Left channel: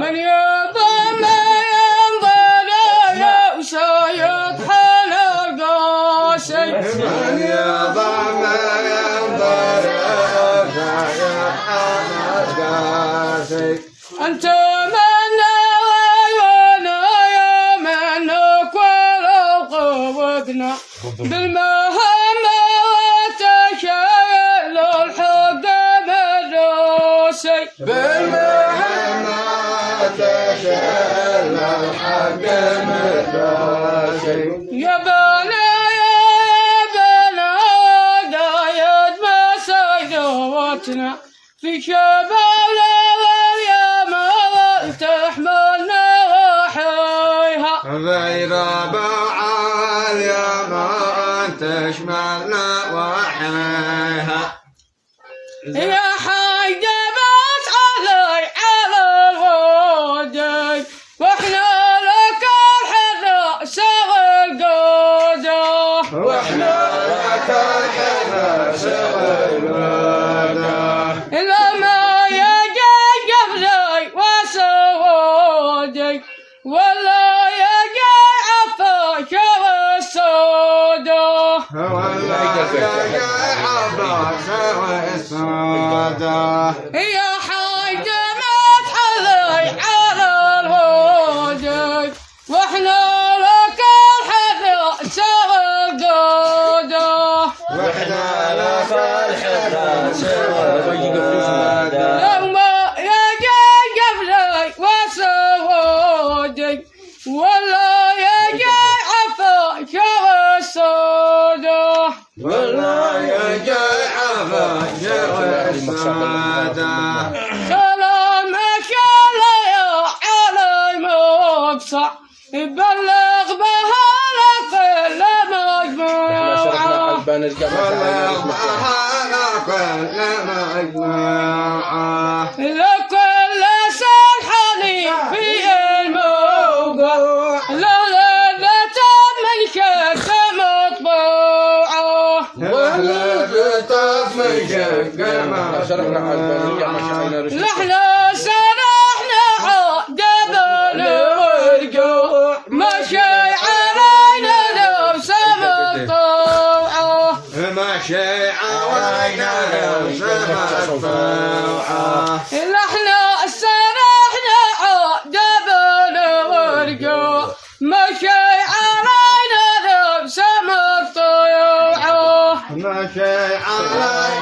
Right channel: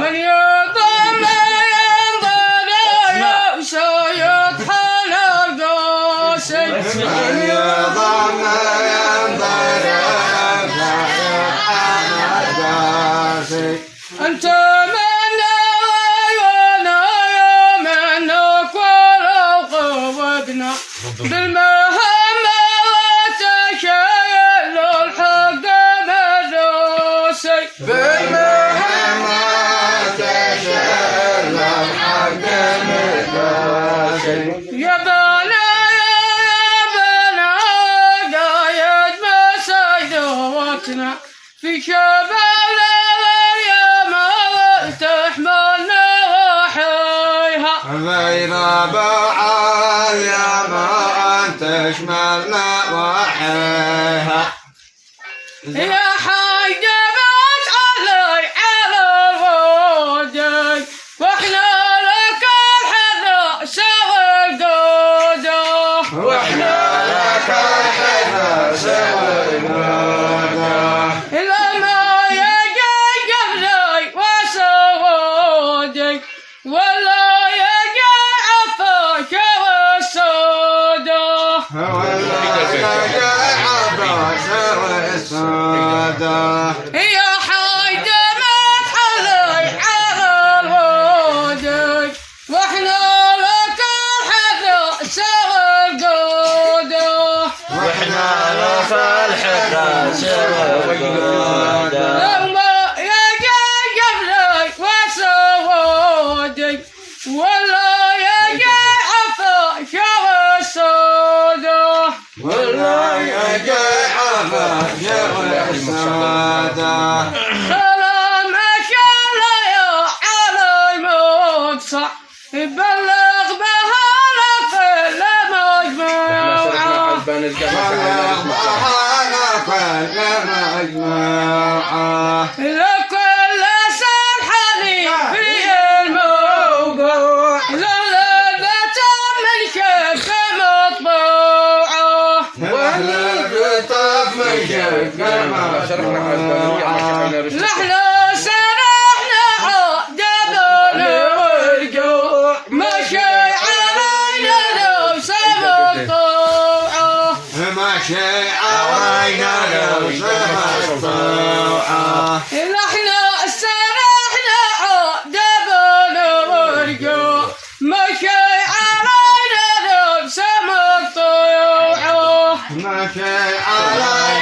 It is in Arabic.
من يضم ينظر سيطحن القاسي من يضم ينظر سيطحن القاسي أنت من عيونا منك ولو قوقنا بالمهمة وتشيل الحق مدروسي بالمهمة وتشيل الحق مدروسي يا بنا قايد مسيدوتنا في شباب الأيام تحملنا وحيها غير بعال يا ما تشملنا وحيها يا حاجة بس علي على الوجه واحنا لك الحذا سوى القودة واحنا لك الحذا سوى القودة لما يجي قبلي وسودك ولا يجي عفاك والسودة ولا يجي عفاك والسودة يا حاجة متحلي على الودك واحنا لك الحذا سوى القودة واحنا لك الحذا سوى القودة لما يجي قبلي وسودك ولا يجي عفاك والسودة ولا يجي عفاك والسودة سلامك يا على المقصع بلغ بها لكل مجموعة بلغ بها لكل مجموعة لكل سلحني في الموقع لذة من شك مطبوعة لذة من شك مطبوعة نحن سرحنا عقبنا والجوع مشي علينا لوس مقطوعة مشي علينا لوس مقطوعة نحن سرحنا عقبنا والجوع مشي علينا لوس مقطوعة مشي علينا